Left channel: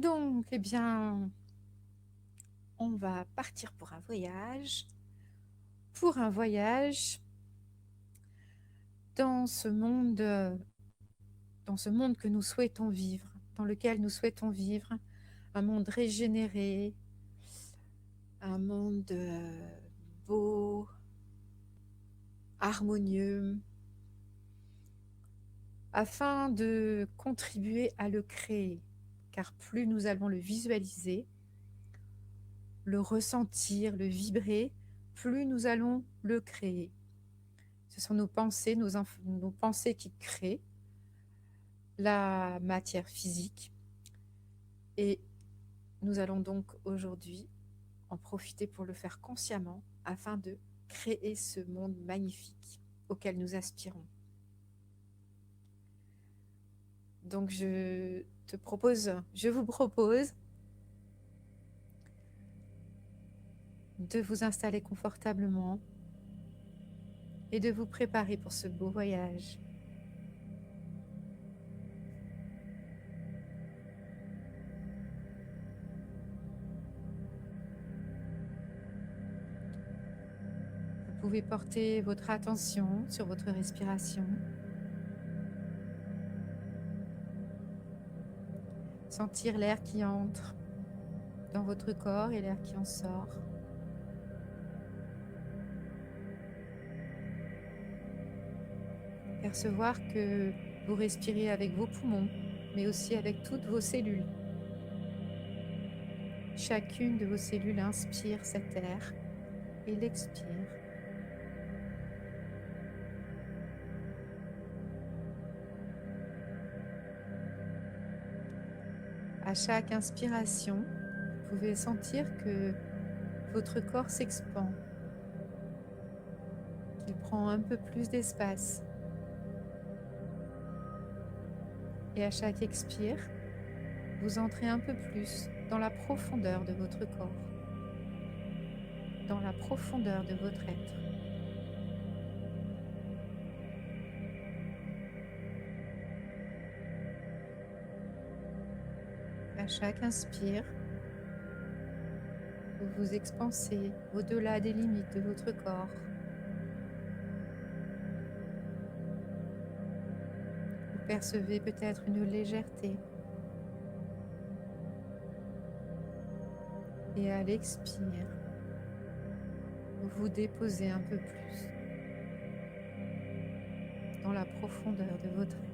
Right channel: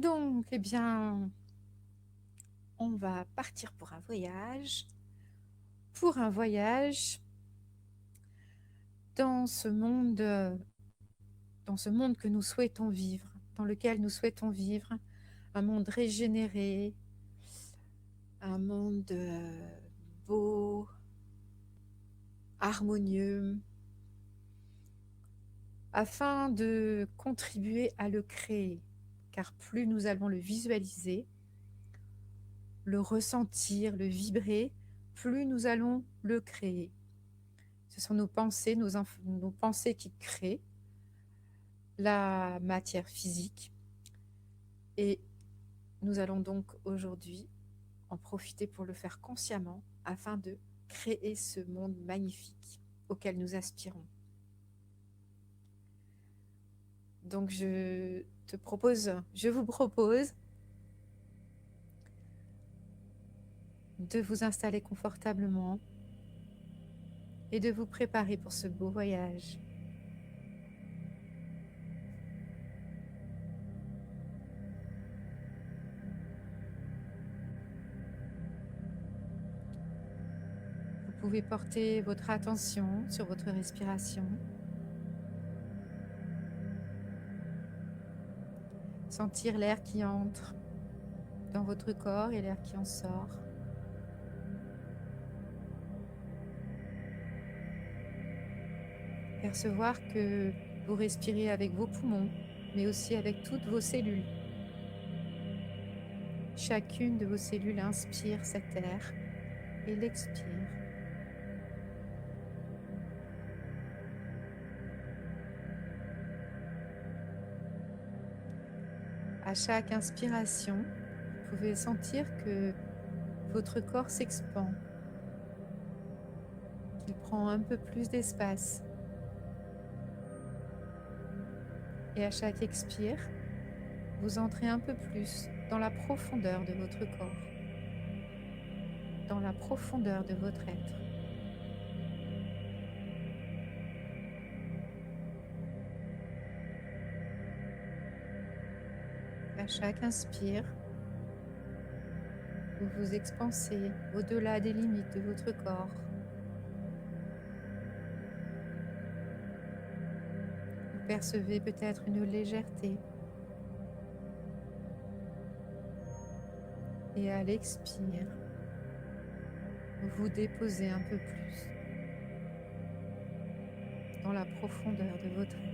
Donc, eh bien, on va partir pour un voyage dans ce monde, que nous souhaitons vivre, dans lequel nous souhaitons vivre, un monde régénéré, un monde beau, harmonieux, afin de contribuer à le créer. Car plus nous allons le visualiser, le ressentir, le vibrer, plus nous allons le créer. Ce sont nos pensées, nos pensées qui créent la matière physique. Et nous allons donc aujourd'hui en profiter pour le faire consciemment afin de créer ce monde magnifique auquel nous aspirons. Donc je vous propose de vous installer confortablement et de vous préparer pour ce beau voyage. Vous pouvez porter votre attention sur votre respiration, sentir l'air qui entre dans votre corps et l'air qui en sort. Percevoir que vous respirez avec vos poumons, mais aussi avec toutes vos cellules. Chacune de vos cellules inspire cet air et l'expire. À chaque inspiration, vous pouvez sentir que votre corps s'expand, qu'il prend un peu plus d'espace. Et à chaque expire, vous entrez un peu plus dans la profondeur de votre corps, dans la profondeur de votre être. À chaque inspire, vous vous expansez au-delà des limites de votre corps. Vous percevez peut-être une légèreté. Et à l'expire, vous vous déposez un peu plus dans la profondeur de votre être.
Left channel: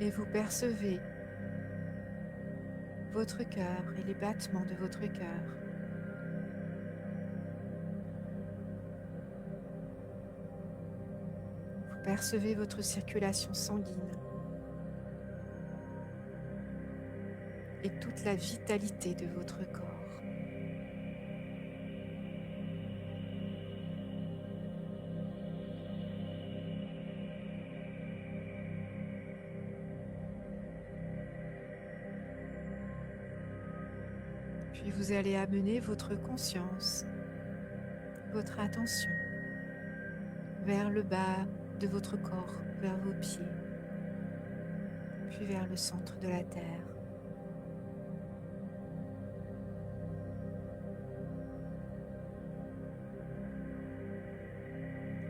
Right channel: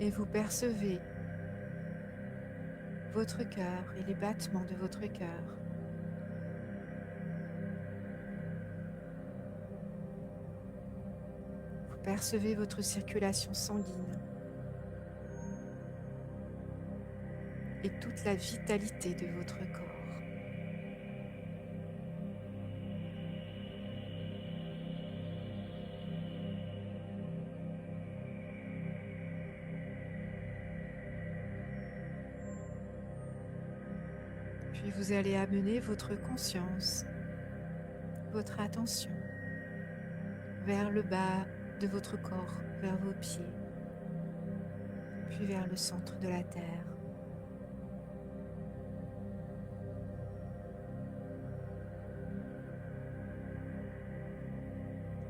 Et vous percevez votre cœur et les battements de votre cœur. Vous percevez votre circulation sanguine et toute la vitalité de votre corps. Puis vous allez amener votre conscience, votre attention vers le bas de votre corps, vers vos pieds, puis vers le centre de la terre.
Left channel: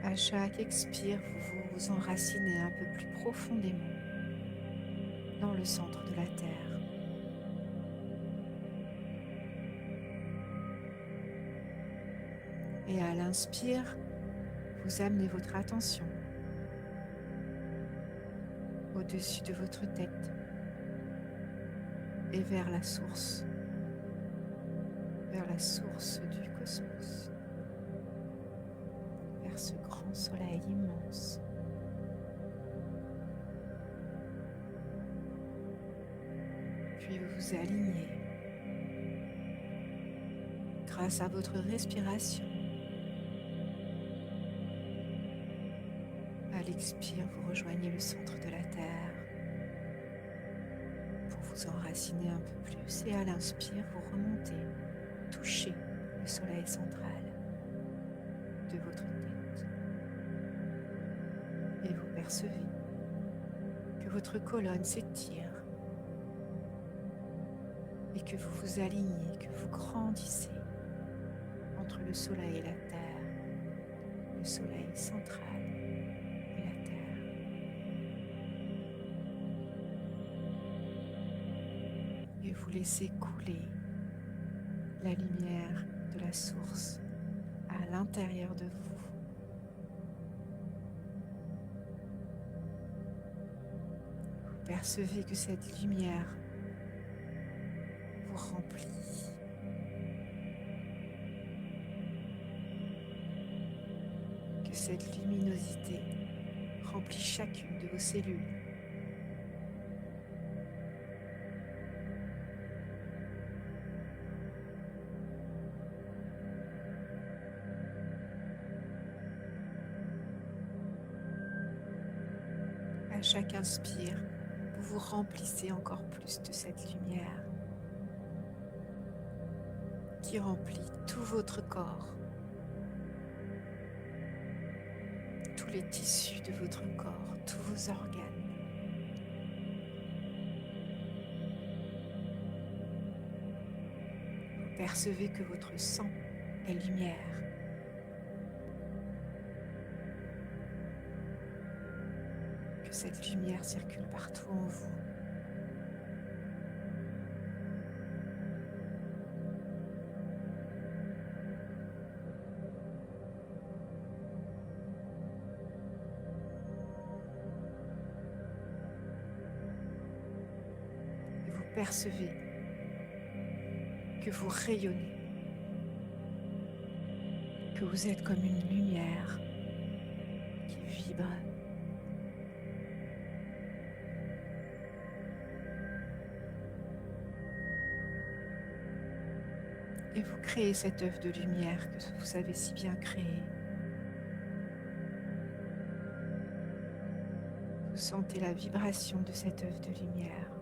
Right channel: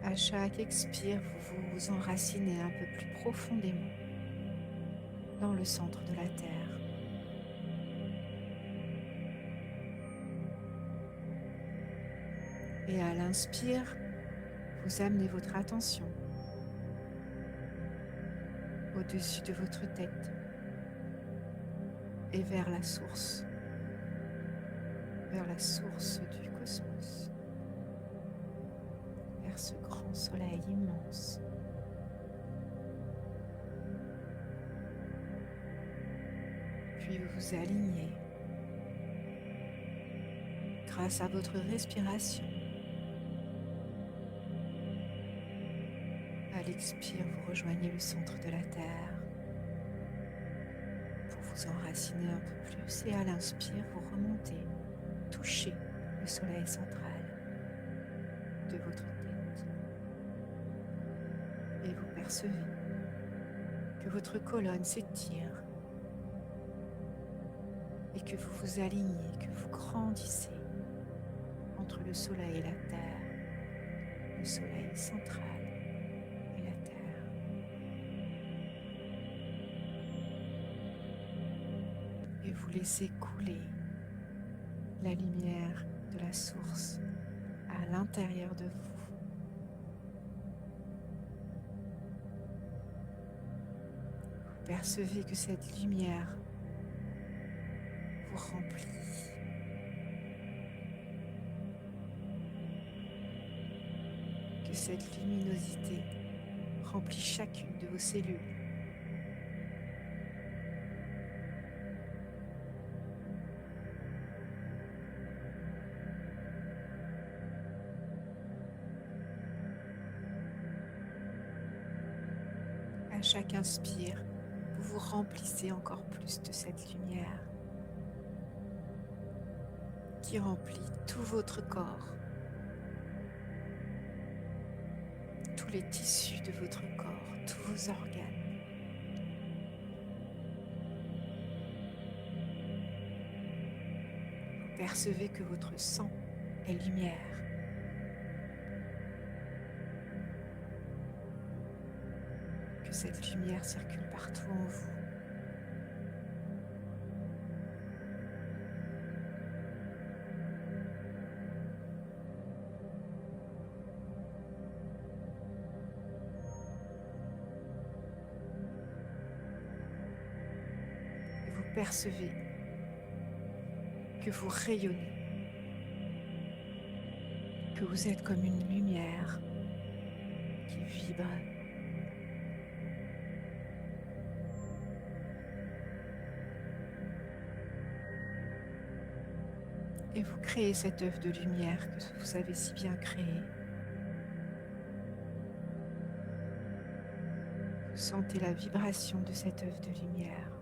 À chaque expire, vous vous enracinez un peu plus profondément dans le centre de la terre. Et à l'inspire, vous amenez votre attention au-dessus de votre tête et vers la source du cosmos, vers ce grand soleil immense. Puis vous vous alignez grâce à votre respiration. À l'expire, vous rejoignez le centre de la terre pour vous enraciner un peu plus et à l'inspire, vous remontez toucher le soleil central de votre tête. Et vous percevez que votre colonne s'étire et que vous vous alignez, que vous grandissez entre le soleil et la terre, le soleil central et la terre. Et vous laissez couler la lumière de la source à l'intérieur de vous. Vous percevez que cette lumière vous remplit. Que cette luminosité remplit chacune de vos cellules. À chaque inspire, vous vous remplissez encore plus de cette lumière qui remplit tout votre corps, tous les tissus de votre corps, tous vos organes. Vous percevez que votre sang est lumière. Que cette lumière circule partout en vous. Et vous percevez que vous rayonnez, que vous êtes comme une lumière qui vibre. Et vous créez cet œuf de lumière que vous savez si bien créer. Vous sentez la vibration de cet œuf de lumière.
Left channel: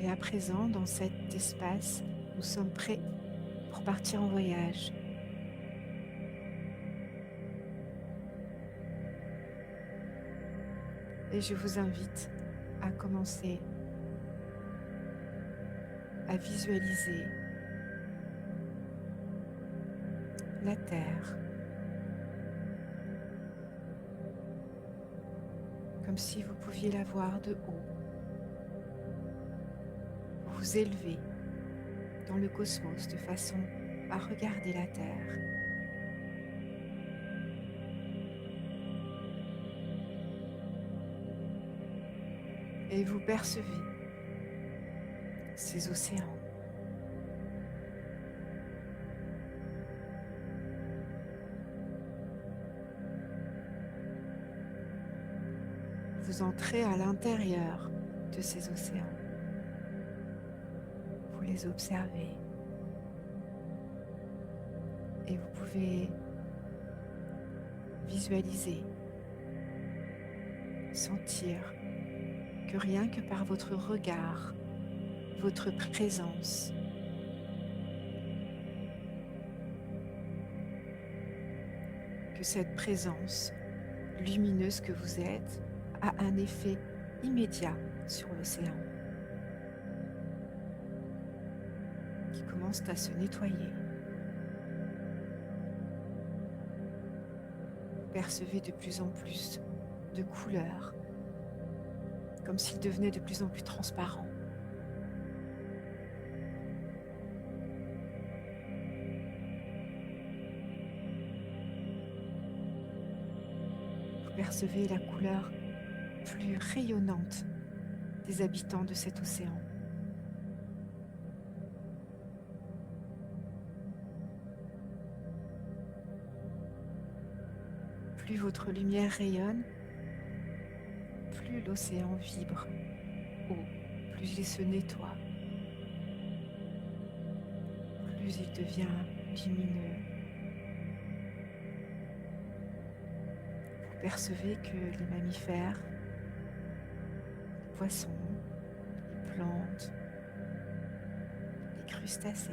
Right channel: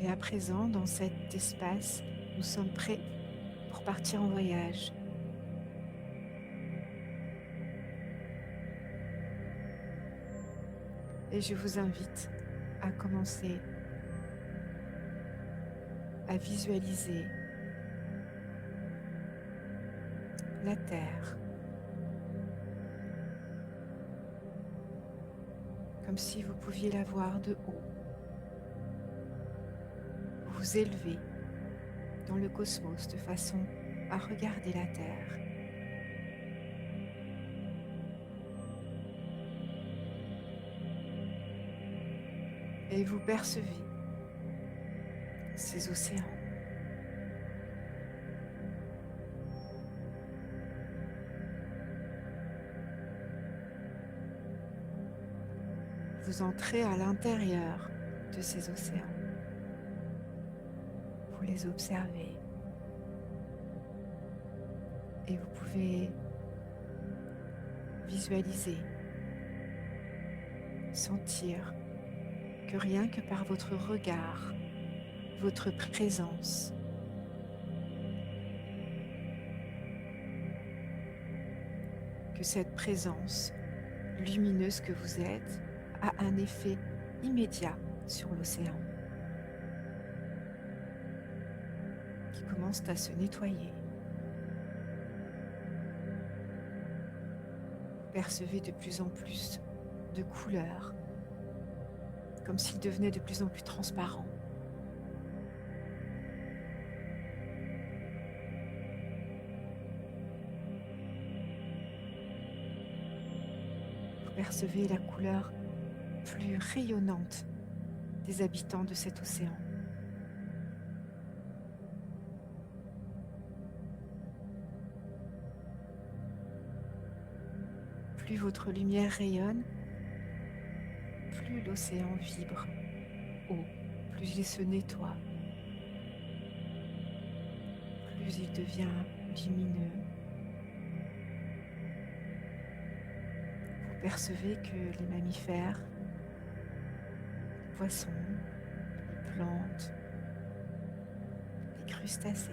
Et à présent, dans cet espace, nous sommes prêts pour partir en voyage. Et je vous invite à commencer à visualiser la Terre comme si vous pouviez la voir de haut. Vous vous élevez dans le cosmos de façon à regarder la Terre. Et vous percevez ces océans. Vous entrez à l'intérieur de ces océans. Vous les observez. Et vous pouvez visualiser, sentir que rien que par votre regard, votre présence, que cette présence lumineuse que vous êtes a un effet immédiat sur l'océan qui commence à se nettoyer. Vous percevez de plus en plus de couleurs, comme s'il devenait de plus en plus transparent. Vous percevez la couleur plus rayonnante des habitants de cet océan. Plus votre lumière rayonne, plus l'océan vibre haut, plus il se nettoie, plus il devient lumineux. Vous percevez que les mammifères, les poissons, les plantes, les crustacés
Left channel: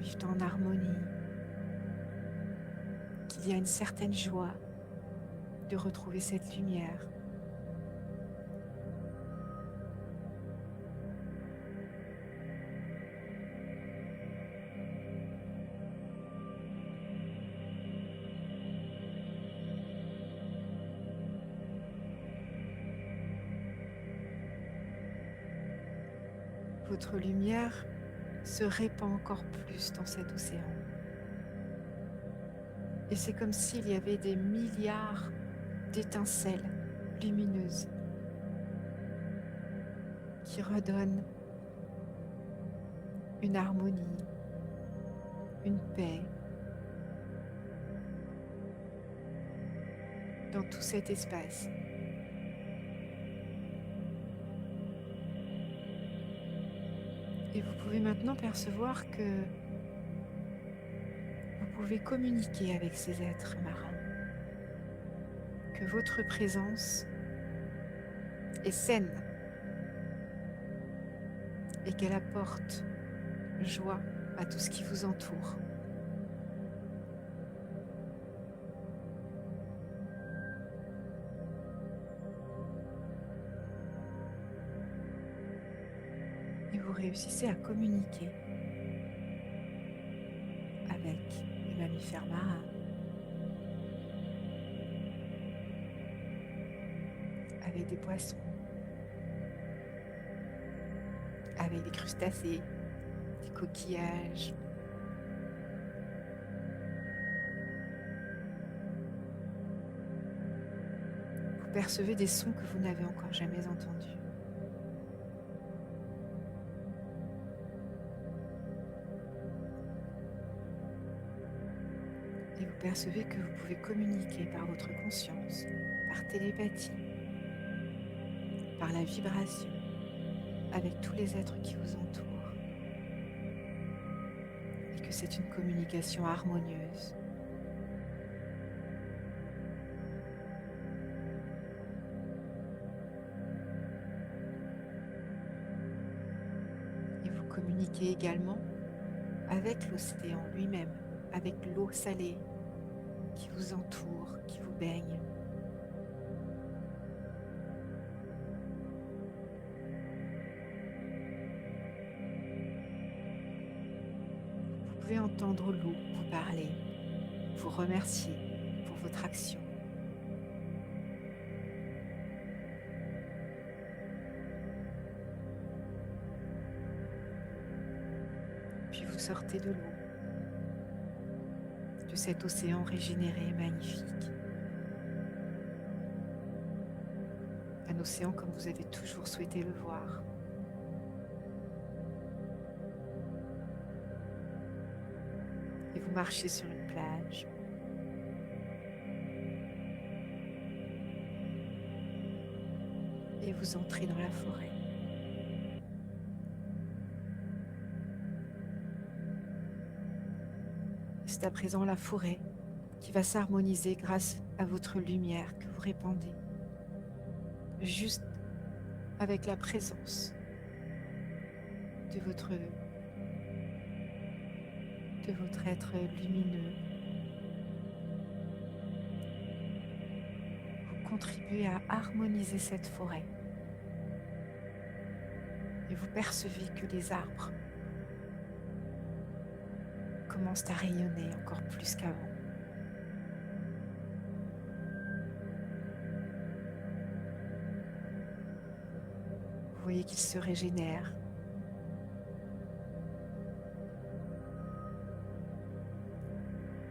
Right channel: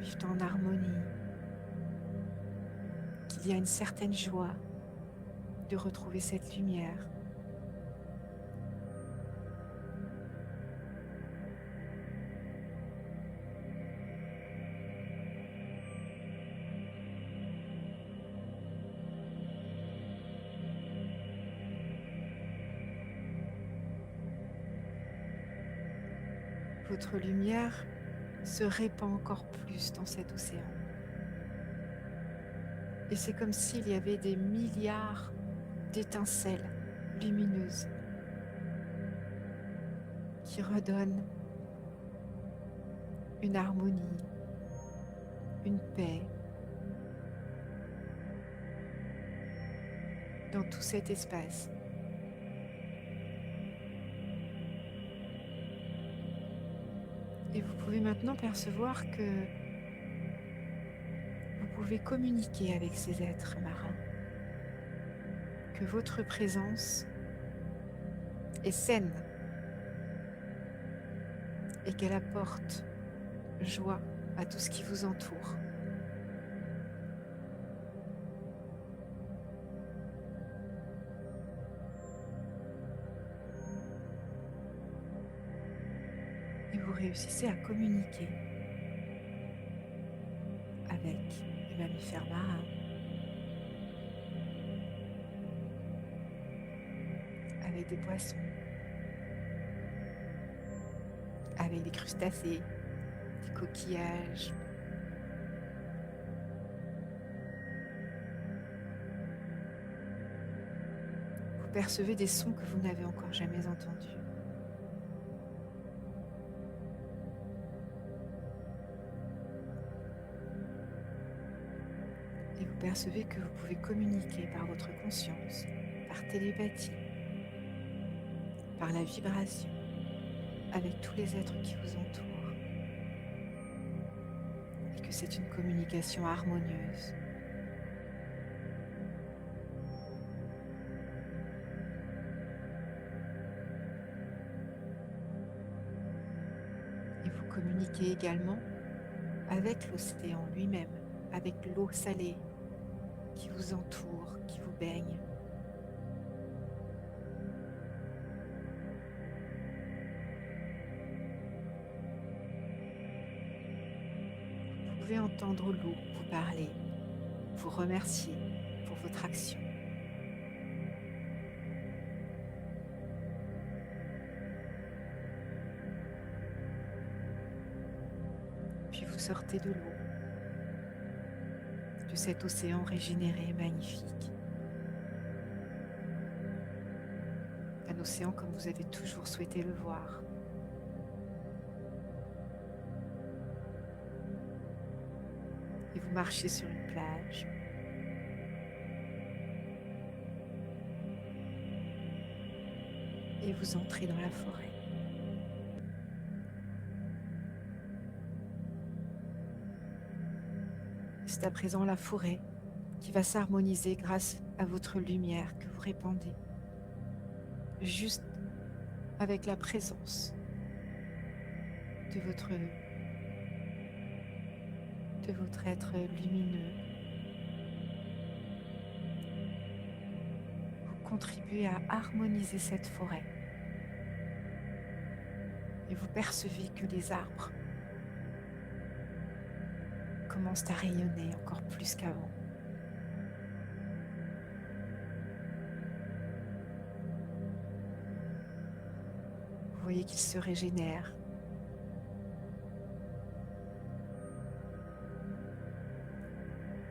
vivent en harmonie, qu'il y a une certaine joie de retrouver cette lumière. Votre lumière se répand encore plus dans cet océan. Et c'est comme s'il y avait des milliards d'étincelles lumineuses qui redonnent une harmonie, une paix dans tout cet espace. Et vous pouvez maintenant percevoir que vous pouvez communiquer avec ces êtres marins, que votre présence est saine et qu'elle apporte joie à tout ce qui vous entoure. Et vous réussissez à communiquer avec les mammifères marins, avec des poissons, avec des crustacés, des coquillages. Vous percevez des sons que vous n'avez encore jamais entendus. Et vous percevez que vous pouvez communiquer par votre conscience, par télépathie, par la vibration, avec tous les êtres qui vous entourent. Et que c'est une communication harmonieuse. Et vous communiquez également avec l'océan lui-même, avec l'eau salée qui vous entoure, qui vous baigne. Vous pouvez entendre l'eau vous parler, vous remercier pour votre action. Puis vous sortez de l'eau, de cet océan régénéré et magnifique. Un océan comme vous avez toujours souhaité le voir. Et vous marchez sur une plage. Et vous entrez dans la forêt. C'est à présent la forêt qui va s'harmoniser grâce à votre lumière que vous répandez, juste avec la présence de votre être lumineux. Vous contribuez à harmoniser cette forêt et vous percevez que les arbres commencent à rayonner encore plus qu'avant. Vous voyez qu'ils se régénèrent.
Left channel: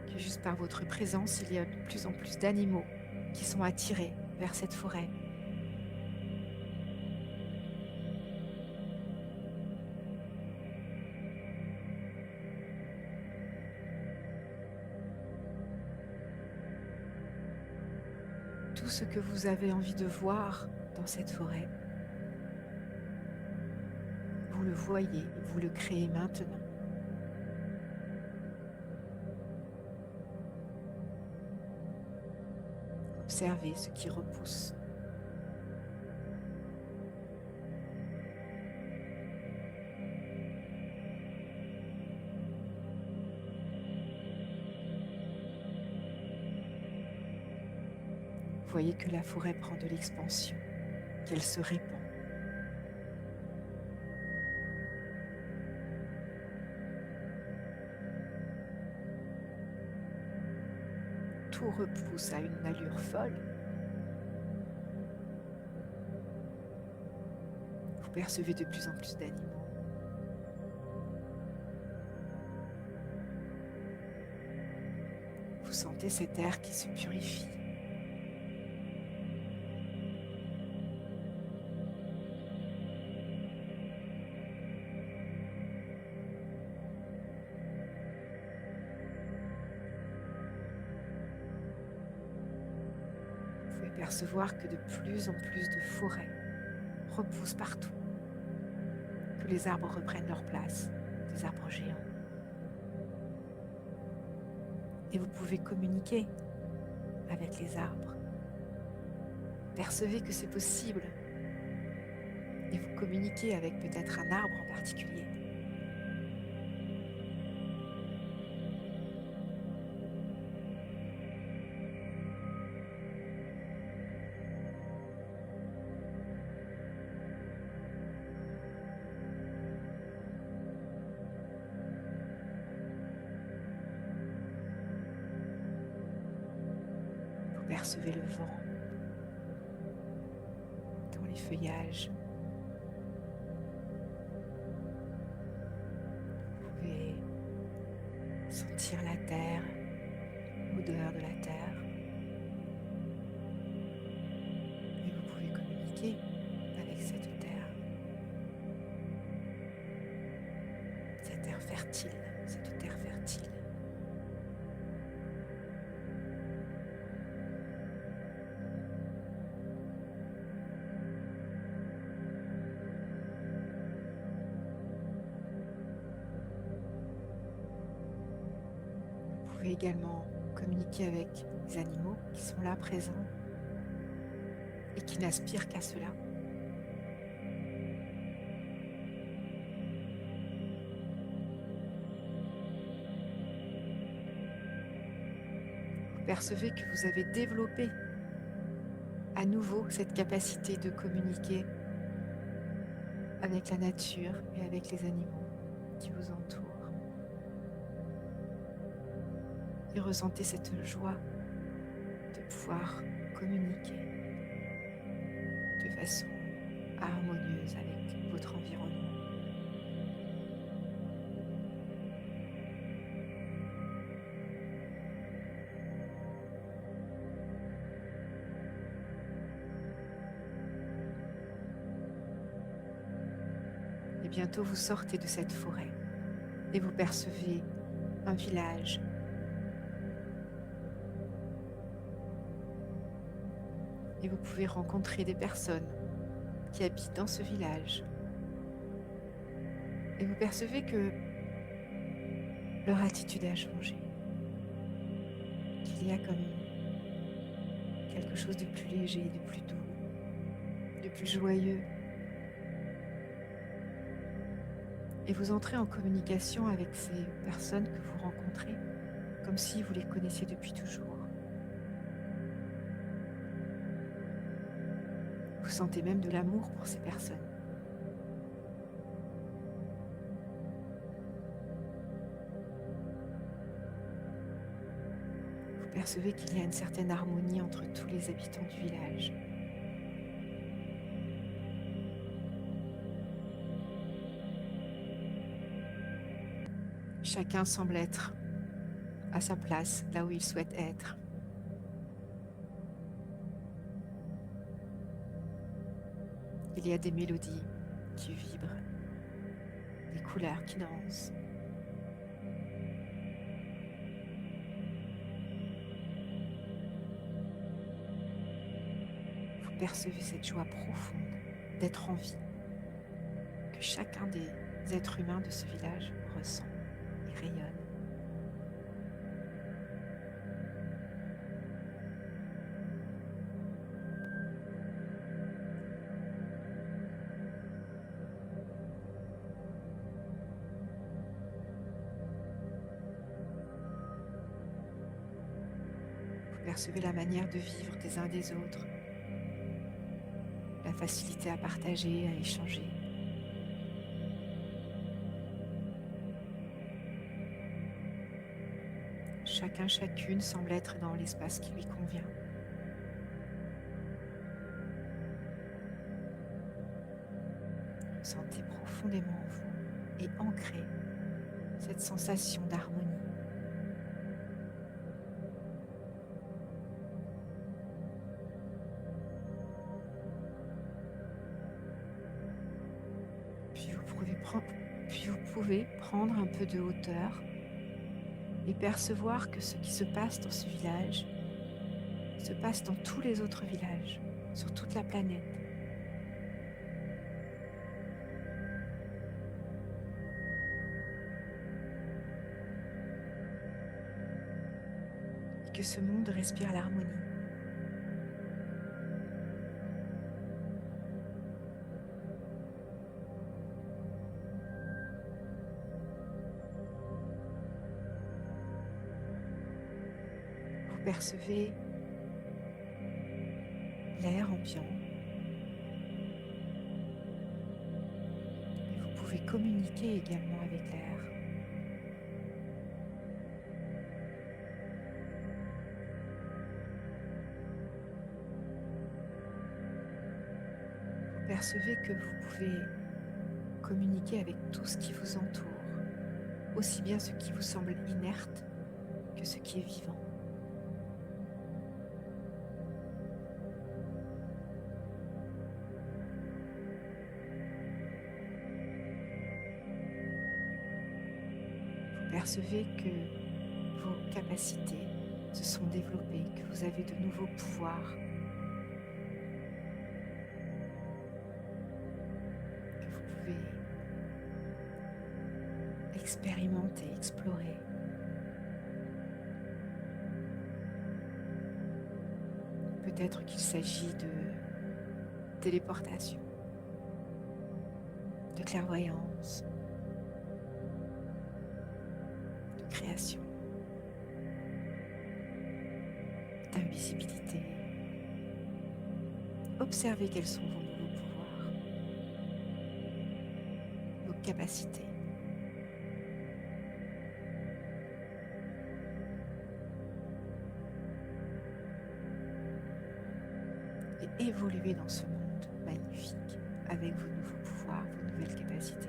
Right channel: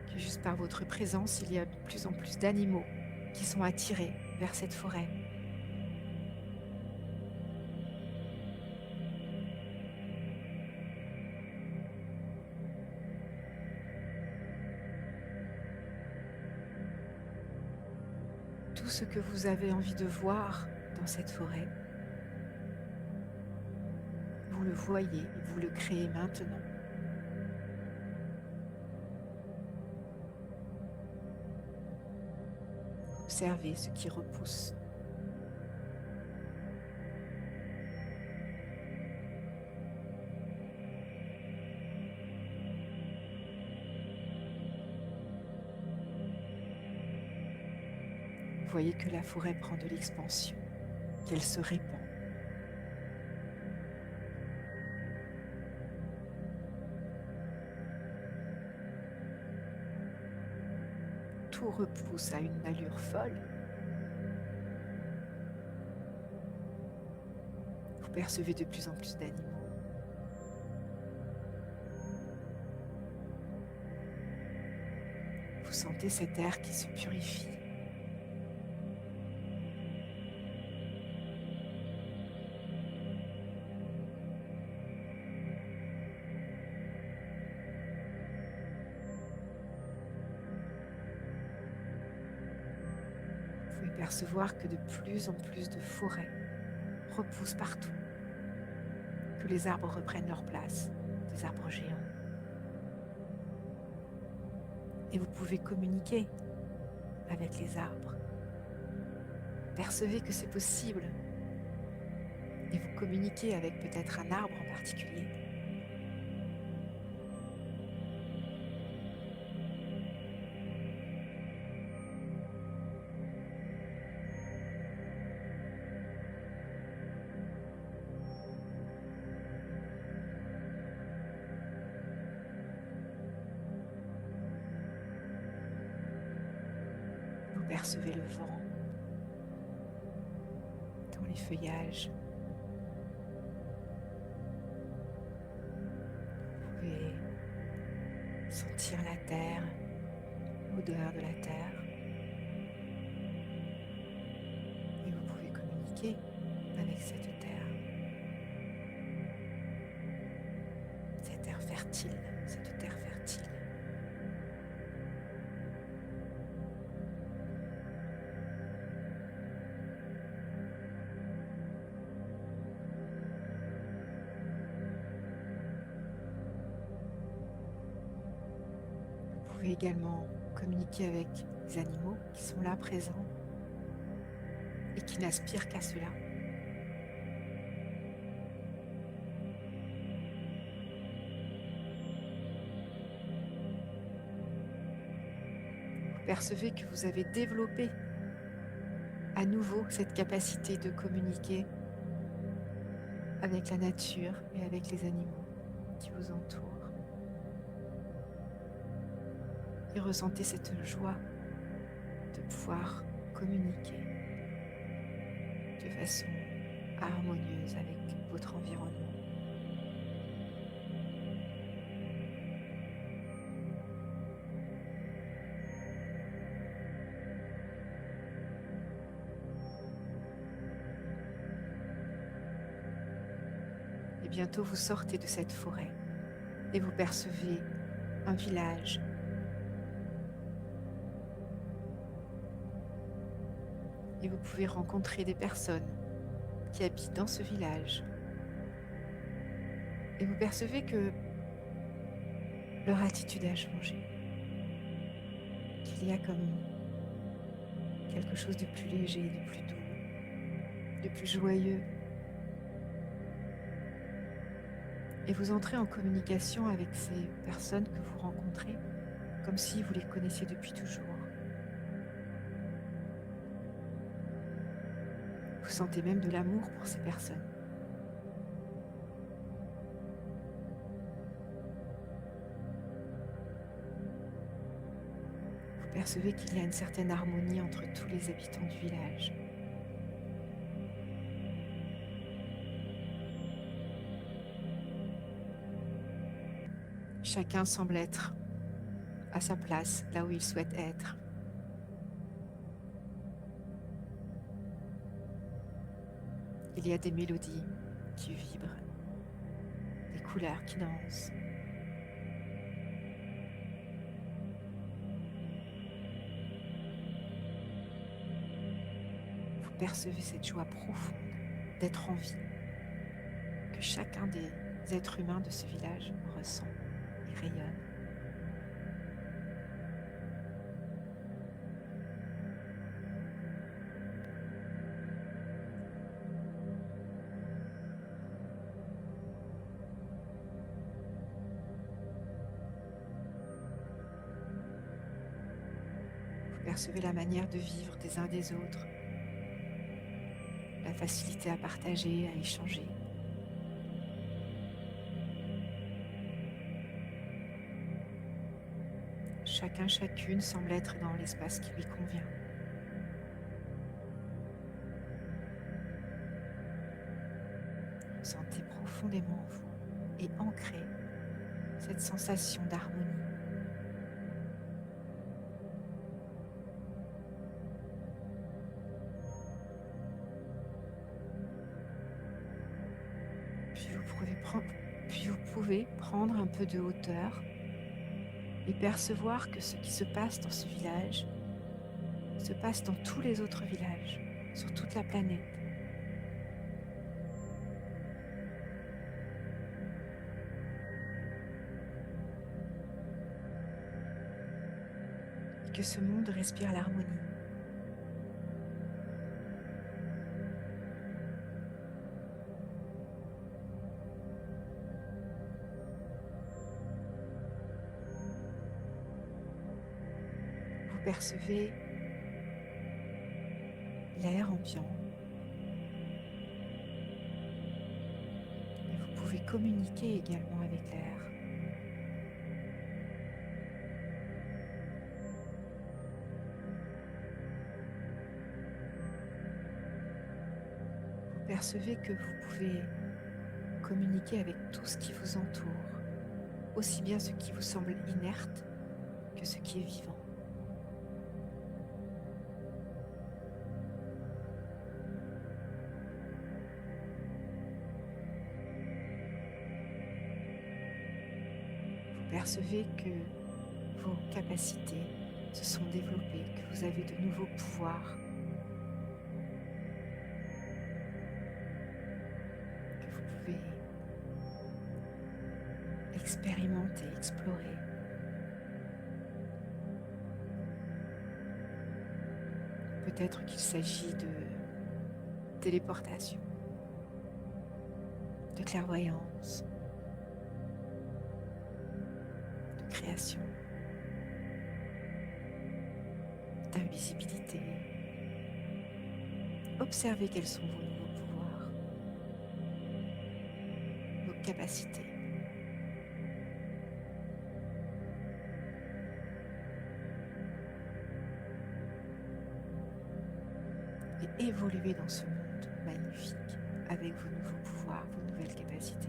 Que juste par votre présence, il y a de plus en plus d'animaux qui sont attirés vers cette forêt. Tout ce que vous avez envie de voir dans cette forêt, vous le voyez, vous le créez maintenant. observez ce qui repousse. Voyez que la forêt prend de l'expansion, qu'elle se répand. Tout repousse à une allure folle. Vous percevez de plus en plus d'animaux. Vous sentez cet air qui se purifie. Vous pouvez percevoir que de plus en plus de forêts repoussent partout, que les arbres reprennent leur place, des arbres géants. Et vous pouvez communiquer avec les arbres. Percevez que c'est possible. Et vous communiquez avec peut-être un arbre en particulier. Vous percevez le vent dans les feuillages. Vous pouvez sentir la terre, l'odeur de la terre. Et vous pouvez communiquer avec cette terre. Cette terre fertile, cette terre fertile. Vous pouvez également communiquer avec les animaux qui sont là présents et qui n'aspirent qu'à cela. Vous percevez que vous avez développé à nouveau cette capacité de communiquer avec la nature et avec les animaux qui vous entourent. Et ressentez cette joie de pouvoir communiquer de façon harmonieuse avec votre environnement. Et bientôt vous sortez de cette forêt et vous percevez un village. Et vous pouvez rencontrer des personnes qui habitent dans ce village. Et vous percevez que leur attitude a changé. Qu'il y a comme quelque chose de plus léger, de plus doux, de plus joyeux. Et vous entrez en communication avec ces personnes que vous rencontrez, comme si vous les connaissiez depuis toujours. Vous sentez même de l'amour pour ces personnes. Vous percevez qu'il y a une certaine harmonie entre tous les habitants du village. Chacun semble être à sa place, là où il souhaite être. Il y a des mélodies qui vibrent, des couleurs qui dansent. Vous percevez cette joie profonde d'être en vie, que chacun des êtres humains de ce village ressent et rayonne. Percevez la manière de vivre des uns des autres, la facilité à partager, à échanger. Chacun, chacune semble être dans l'espace qui lui convient. Sentez profondément en vous et ancrez cette sensation d'harmonie. Puis vous pouvez prendre un peu de hauteur et percevoir que ce qui se passe dans ce village se passe dans tous les autres villages, sur toute la planète. Et que ce monde respire l'harmonie. Vous percevez l'air ambiant et vous pouvez communiquer également avec l'air. Vous percevez que vous pouvez communiquer avec tout ce qui vous entoure, aussi bien ce qui vous semble inerte que ce qui est vivant. Vous percevez que vos capacités se sont développées, que vous avez de nouveaux pouvoirs, que vous pouvez expérimenter, explorer. Peut-être qu'il s'agit de téléportation, de clairvoyance, de création, d'invisibilité. Observez quels sont vos nouveaux pouvoirs, vos capacités. Et évoluez dans ce monde magnifique avec vos nouveaux pouvoirs, vos nouvelles capacités.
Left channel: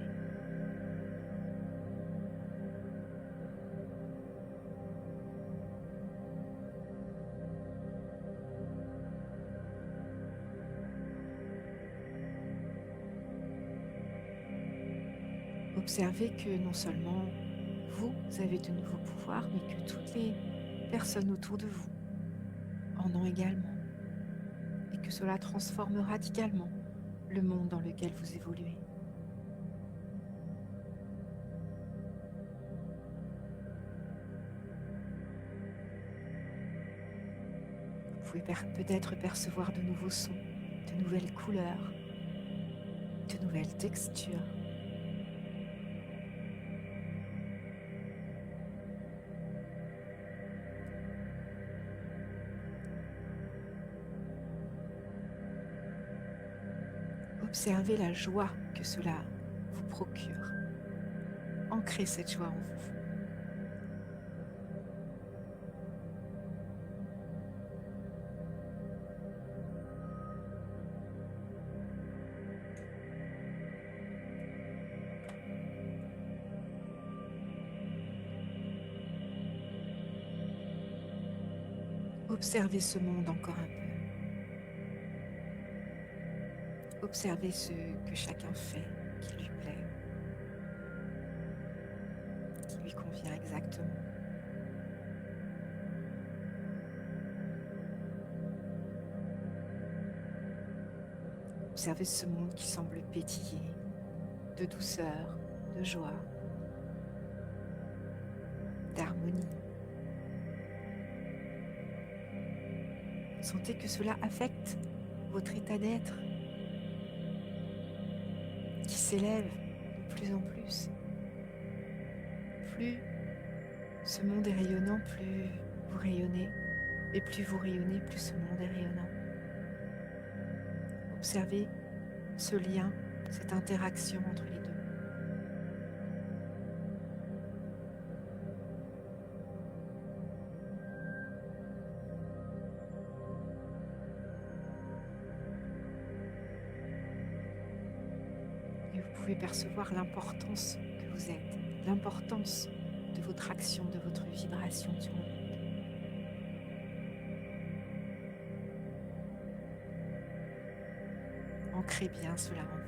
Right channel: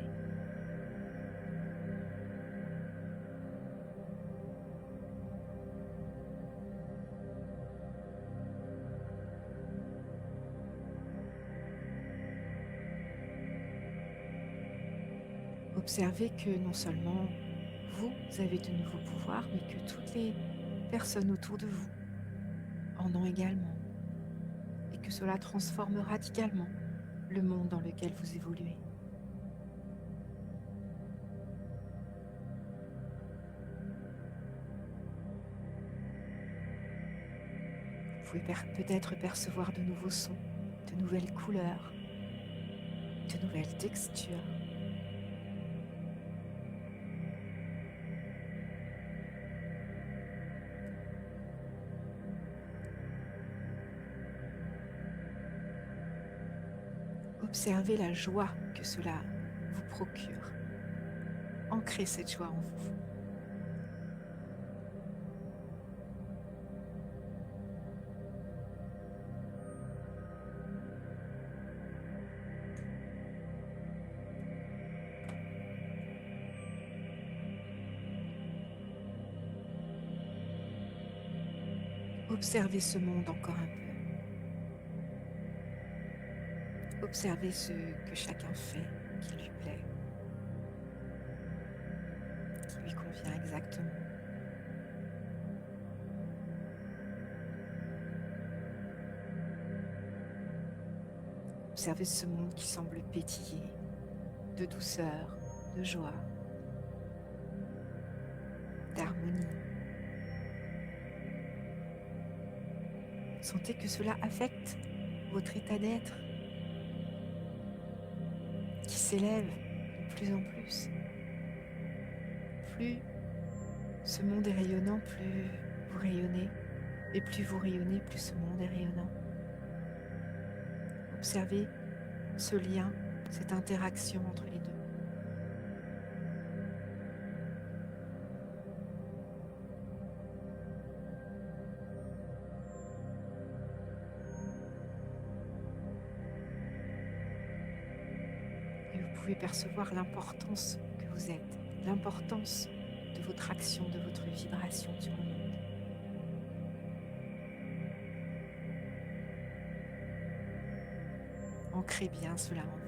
Observez que non seulement vous avez de nouveaux pouvoirs, mais que toutes les personnes autour de vous en ont également. Et que cela transforme radicalement le monde dans lequel vous évoluez. Vous pouvez peut-être percevoir de nouveaux sons, de nouvelles couleurs, de nouvelles textures. Observez la joie que cela vous procure. Ancrez cette joie en vous. Observez ce monde encore un peu. Observez ce que chacun fait qui lui plaît, qui lui convient exactement. Observez ce monde qui semble pétiller de douceur, de joie, d'harmonie. Sentez que cela affecte votre état d'être, qui s'élève de plus en plus. Plus ce monde est rayonnant, plus vous rayonnez Et plus vous rayonnez, plus ce monde est rayonnant. Observez ce lien, cette interaction entre les deux. Et vous pouvez percevoir l'importance que vous êtes, l'importance de votre action, de votre vibration sur le monde. Ancrez bien cela en vous.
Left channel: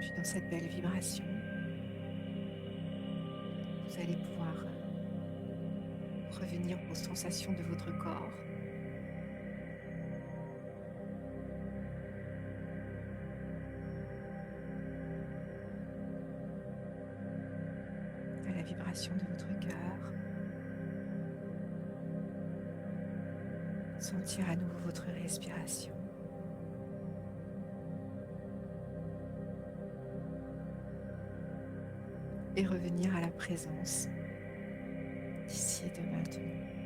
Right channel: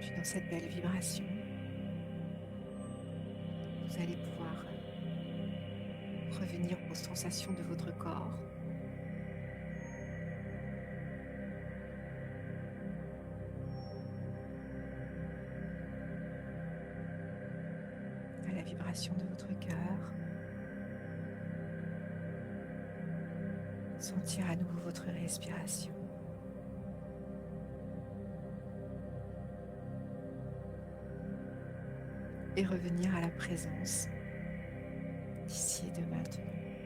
Puis dans cette belle vibration, vous allez pouvoir revenir aux sensations de votre corps. À la vibration de votre cœur. Sentir à nouveau votre respiration. Et revenir à la présence d'ici et de maintenant.